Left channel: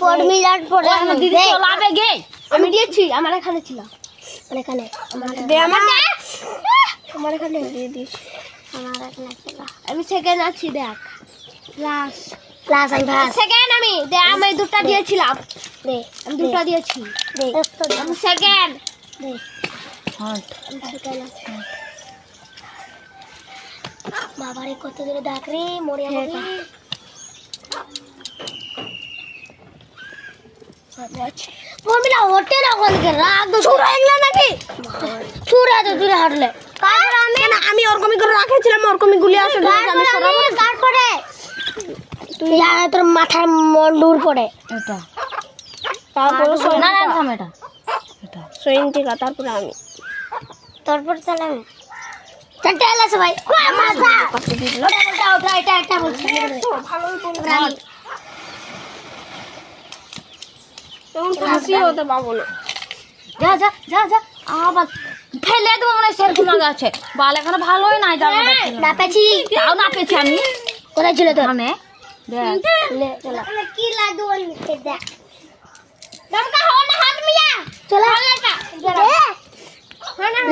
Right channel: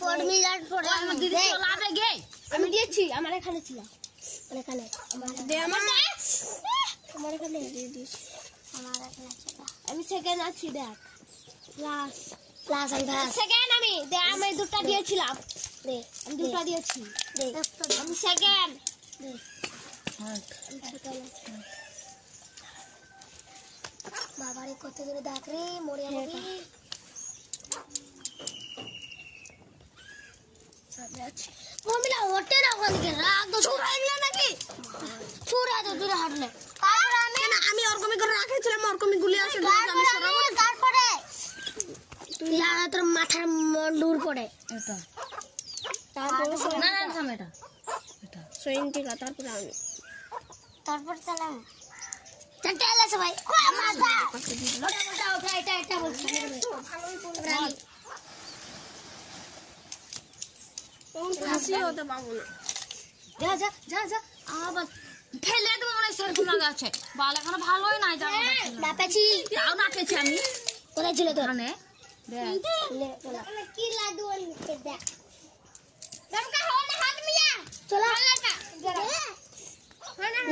ফর্মুলার পড়ে দিদি চলাবে গে আমি দিয়েছি আমার এখানে ছিল এখানে দে আমার এখানে দিয়ে দিস আমার এখানে ছিল আমি সেকেন্ড আছি দেখ ক্লাস আমি ফার্স্ট সেকেন্ড আমি দে আমি দুটো দিয়েছিলাম দে আমি দুটো দিয়েছি দে আমি সেকেন্ড দে হ্যাঁ আমি সেকেন্ড আছি বাবারে কত দূরে ডাক রে মরিয়া বাবি ফর্মুলা ওঠে না কোন কে রাগ দো ছুরা এগলা নাকি ছুরা তো দূরে হাঁটলে তারপর আমি ওরকমই করে রাখেছিলাম ওরকমই গুলি আসে আমি সরাবো গার্ড করে তুই আর তোর মাথার মন্ডুর পড়ে এটা তারপর না না থাম এটা সৈন্তিকা তারপর আমি তারপর চলে আমি চারটে এলাছে ভাই মাথা ওটা এটা একটা বলছি ভালোই বলছিস তখন ফাঁসি হতে পাবো না যা যা যা যা আবার ফেলে দেবো মনে হয় সেরকম আছে বাল এখানে ভালোই নাই জায়গাটা ছিল না পেছি তাও না পেছি আমি কোথায় ছিল তোর মানে দেখ কি লাগু নিতে দেখ দমকা হও না হাত মিয়া চলো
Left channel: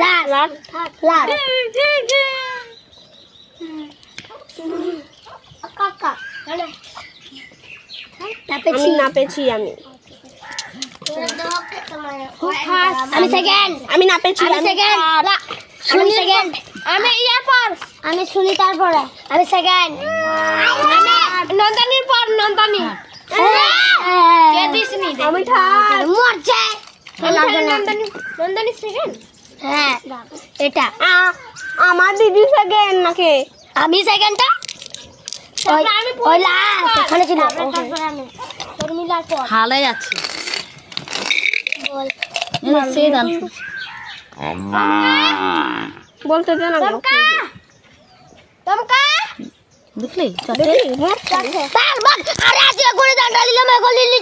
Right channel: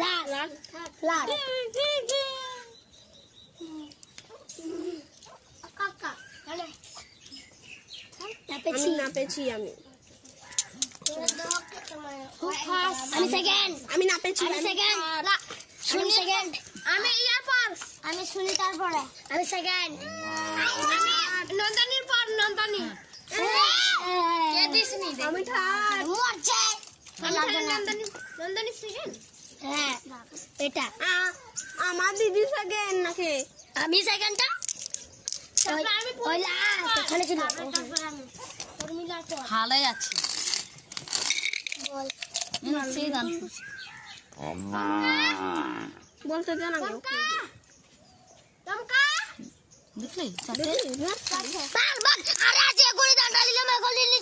লাল লাল লাল কাকা না পেছি আমি আমি সেকেন্ড আমি না পেছি আমি সেকেন্ড শুনি সেকেন্ড আমি ইয়ার পর আমি শুনি তারপরে আমি সেকেন্ড আমি নন্দনীর পর নন্দনী কে দিসনি আমি মরছে নন্দনী নন্দনী সেকেন্ড হ্যাঁ এটা আমার দিদি সেকেন্ড নাকি আমি সেকেন্ডটা ওই লাস্ট এখানে ছিল শর্মিলার পর হালে যাচ্ছে বল সেই গান বলতে দে না দমকা দেখলি তার বাদ আরে আজকে করে ডান্ডা দিলাম এখন লিলি